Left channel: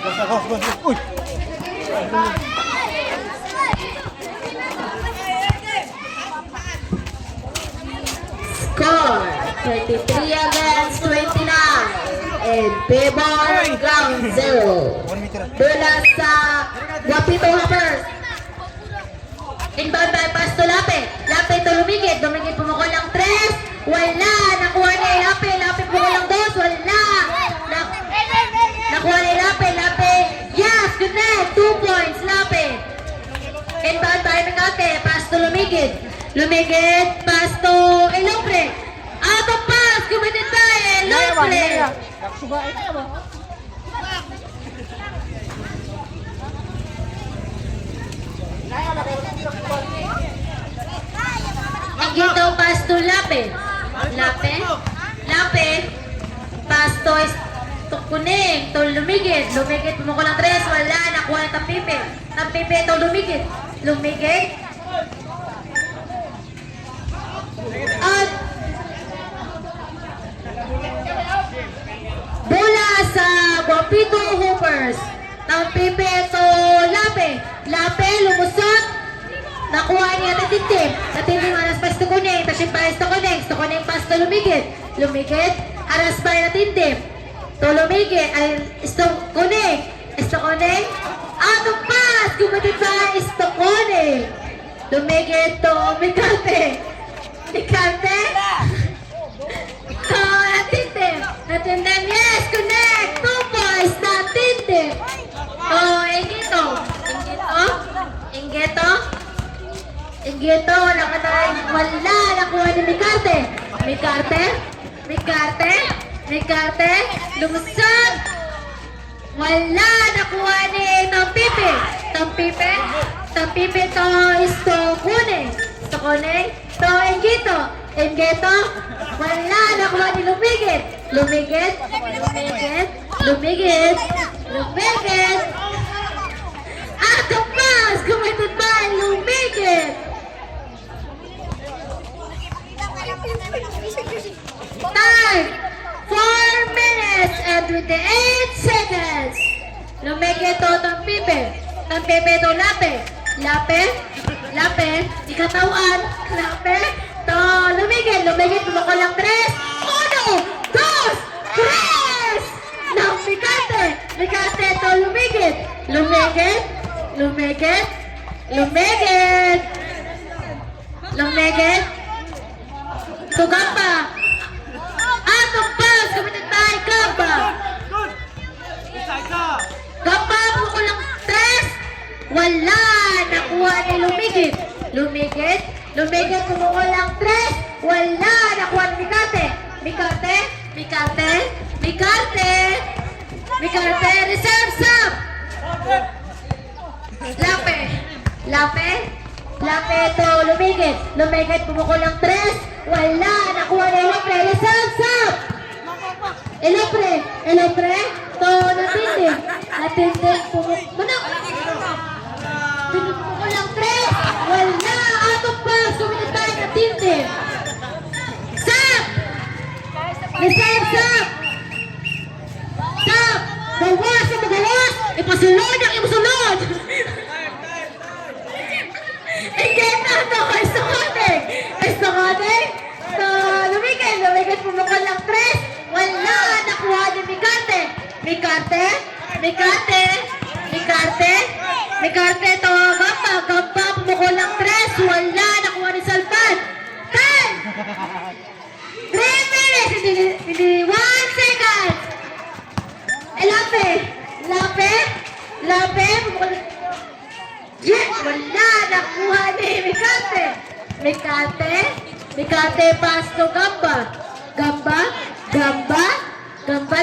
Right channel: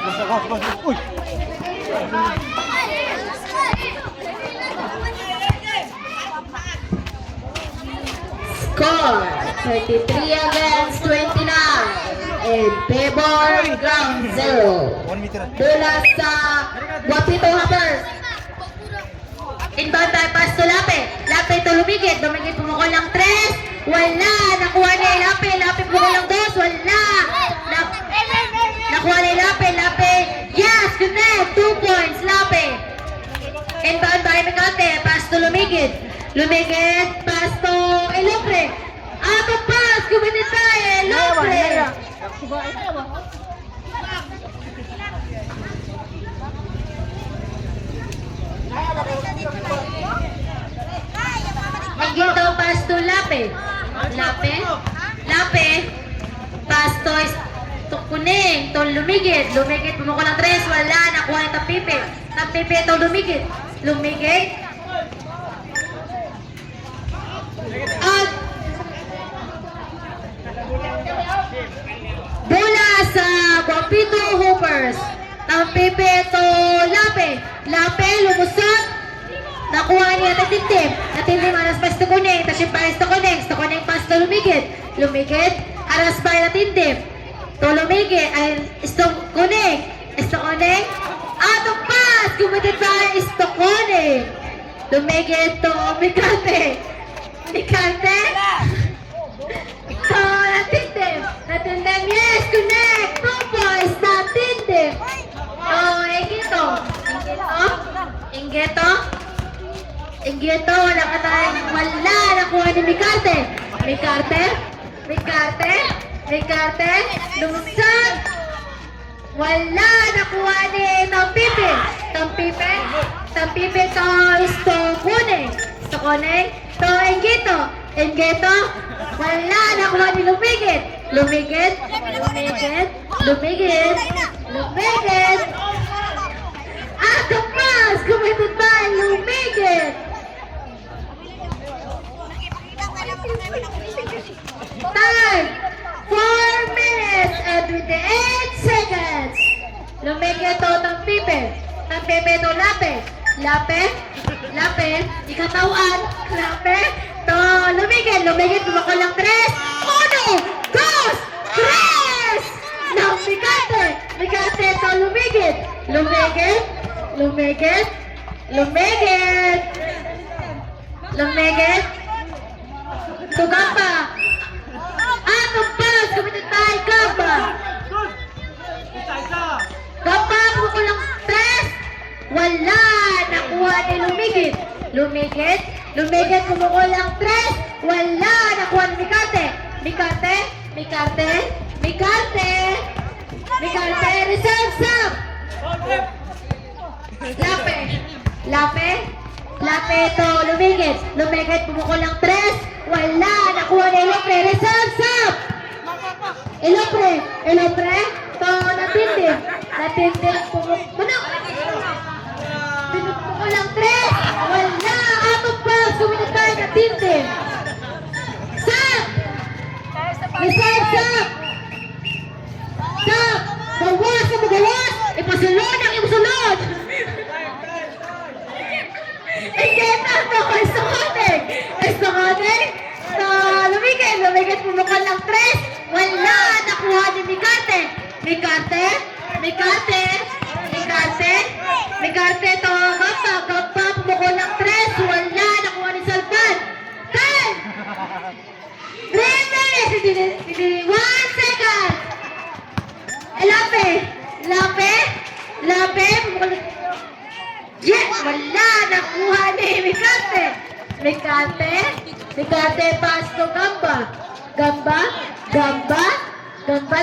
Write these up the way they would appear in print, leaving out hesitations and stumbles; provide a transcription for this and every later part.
Uy! Score 33 against 29 in favor ground zero. 1 meter. Bola sa Guapito Hoppers. Inbound by pass to Lape. Lape to Lumigit. Lumigit pumukol ng 3. Wala. Nakuha ni Lape. Lape pumukol ng 2. Wala. Nakuha ni Lape. Lape. Yes, connect. 2 points. Lape. Inbound by Mecate. Pass to Lumigit. Lumigit. Pass to Elopre. Out of pass. Committed by Elopre. Gito pass to Lape. Lape. Lape. Pass to Kuning. To Lumigit. Lumigit pumukol ng 3. Wala. Nakuha ni Tampipe. Tampipe to Lumigit. Lumigit. At bola sa Guapito Hoopers. Tampipe to Lape. Lape lumusot. Nakuha niya Tatintim. Tatintim aras pas to Kuning. Tashin pares to Kuning. To Kuning pas to Lumigit. Lumigit. Aras pa Tatintim. To Lumigit. Ay, isto Kuning. Isto Kuning. Out of pass. Kumitit pa isto Kuning. Lumigit to Micante. Micante. To Tatintim. Tatintim. Yes. Connect. 2 points. Tatintim. Oh, Ingito. Ingito. Ingito, wala ka tayong wala. Nakuha ni Micarte. Micarte. Micarte. Micarte. Lumusod. Wala. Nakuha ni Tampipe. Tampipe. Tampipe to isto Kuning. Isto Kuning. To Ingito. Ingito. Wala. Nakuha ni Lumigit. Lumigit. Lumigit. Lumigit. Lumigit. Out of pass. Committed by Lumigit. Time, 4 minutes and 28 seconds. Lumigit to Tampipe. Tampipe to Lape. Lape. Lape. Ikatawan. Lape. To Lumigit. Lumigit pumukol ng 3. 1, 2, 3. Ng Micante. Micante to Lumigit. Lumigit. Lumigit. Lumigit. Lumigit. To Gamba. Out of pass. Committed by Gamba. Gamba pumukol ng 3. Wala. Nakuha ni Lumigit. Lumigit. Lumigit pumukol ng 3. Wala. Nakuha ni Micante. Micante. Micante. Micante. Micante. Reserve sub. Lape. Lape. Lape to Lumigit. Lumigit pumukol ng 3. Wala. Nakuha ni Elopre. Reserve sub. Elopre. Elopre. To Natindim. Natindim pumukol ng 3. Wala. Out of pass. Kuminit tayo Natindim. Sub. Reserve sub. Sub. Bawas at bawas. Ipasulod ang ipasulod. Hindi na ito. Isto Kuning. Isto Kuning. Lumigit. Lumigit pumukol ng 3. Wala. Nakuha ni Micante. Micante. Micante. Micante. Micante to Gamba. Gamba pumukol ng 3. Wala. Nakuha ni Salpan. 10. 3 minutes. 1 second. Lape. Lape. Lape. Yes. Wala. Nakuha ni Micante. Micante. Micante pass to Gamba. Gamba. Gamba. Gamba.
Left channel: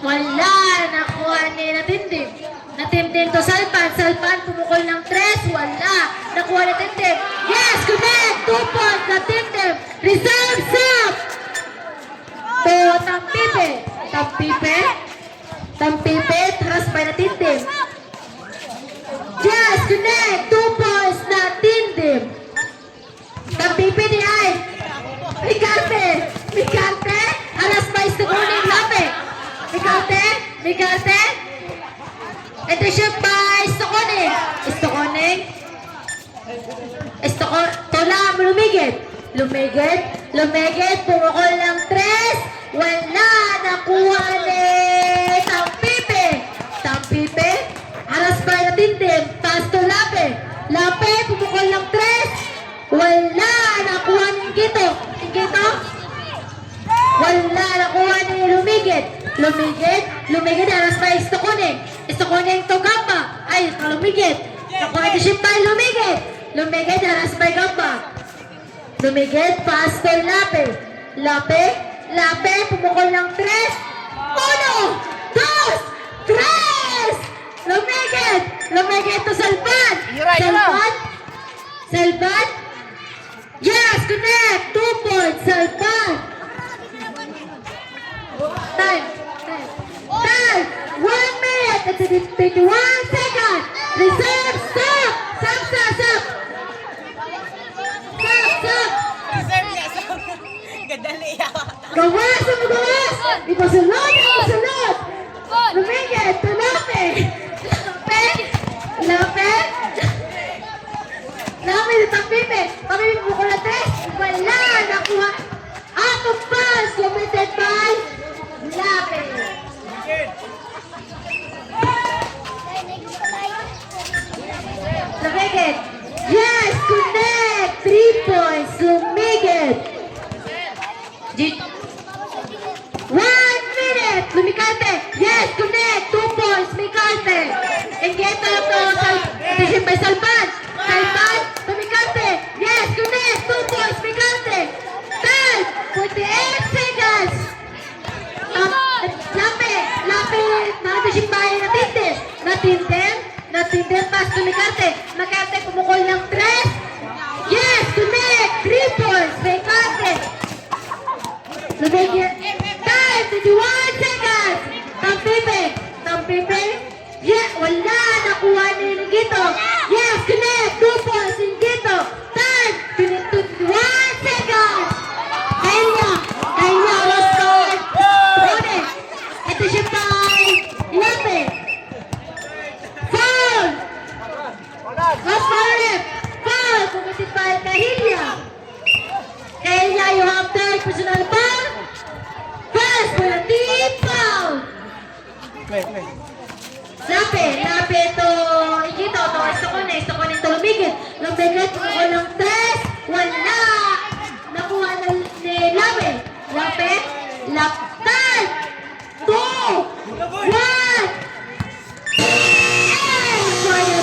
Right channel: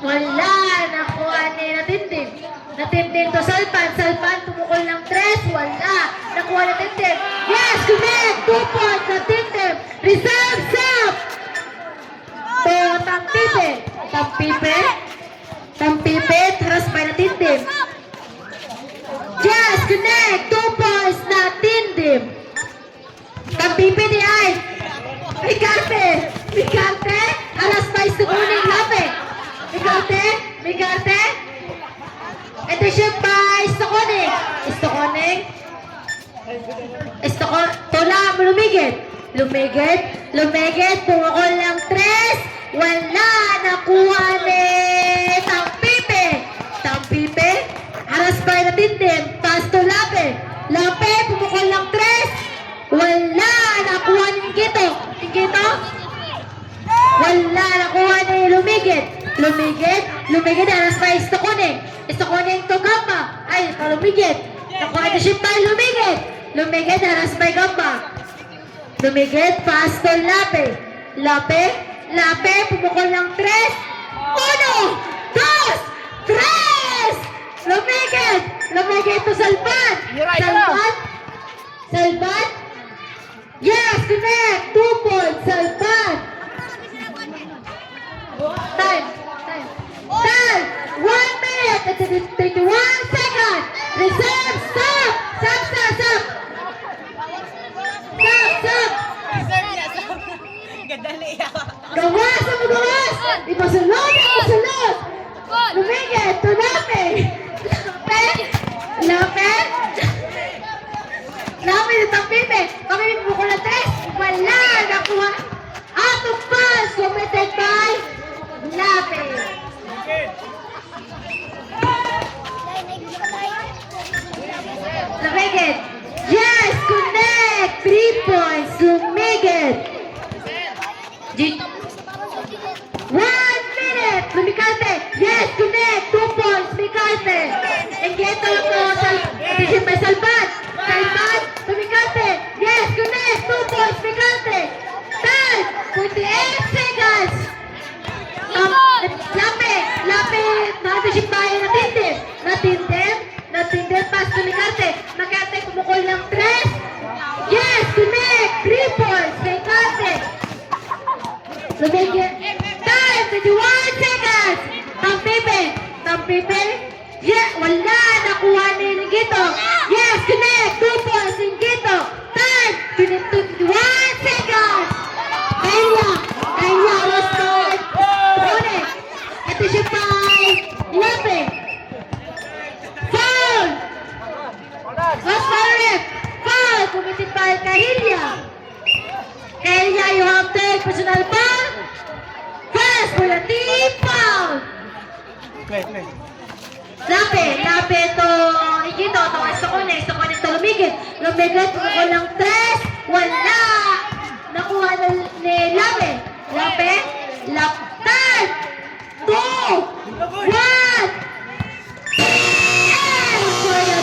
Wala. Nakuha ni Natindim. Natindim to Salpan. Salpan pumukol ng 3. Wala. Nakuha ni Natindim. Yes. Connect. 2 points. Natindim. Reserve sub. To Tampipe. Tampipe. Tampipe. Tras by Natindim. Yes. Connect. 2 points. Natindim. Tampipe di ay. Micante. Micante. Alas pa isto Kuning Lape. Micante. Micante. Ito siya pa, Istokoning. Istokoning. Tola, lumigit. Lumigit. Pumukol ng 3. Wala. Nakuha ni Tampipe. Aras pa na tintin. Taas to Lape. Pumukol ng 3. Wala. Nakuha ni Ingito. Wala. Nakuha ni Lumigit. Aras pa Istokoning to Gamba. Ay, Lumigit. Nakuha ito siya pa, Lumigit, aras pa Gamba. Lumigit, pass to Lape, pumukol ng 3. 1, 2, 3! Lumigit to Salvan. Salvan. Yes, connect. 2 points, Salvan. Time. 1 minute and 31 seconds. Reserve, stop. Stop. Gawas. Ipasulod. Lumigit to Lape, ni Tampipe. Kami pumukol ng 3. Wala. Nakuha. Out of pass. Committed by Lape. Lumigit. Yes, connect. 3 points. Lumigit. 1 minute. Lumikante. Yes, connect. 2 points. Mikante. Ingito to Salvan. Lumikante. Yes, connect. 2 points. Mikante. 10. 48 seconds. Lape. Makatasimbaya na tintin. Pass to Mikante. Pumukol ng 3. Yes, connect. 3 points. Mikante. Lumigit. Time. 21 seconds. Tampipe. Yeah, wala. Nakuha ni Ingito. Yes, connect. 2 points. Ingito. Time. 21 seconds. Kaya, restart. Ito siya pa. Lape. Foul. Foul. Pumitit pa Kahilya. You have third personal foul. First for the team foul. Lape to Ingito. Istokoning to Lumigit. Pumukol ng 3. Wala. Nakuha ni Lape. Time. 2, 1. For the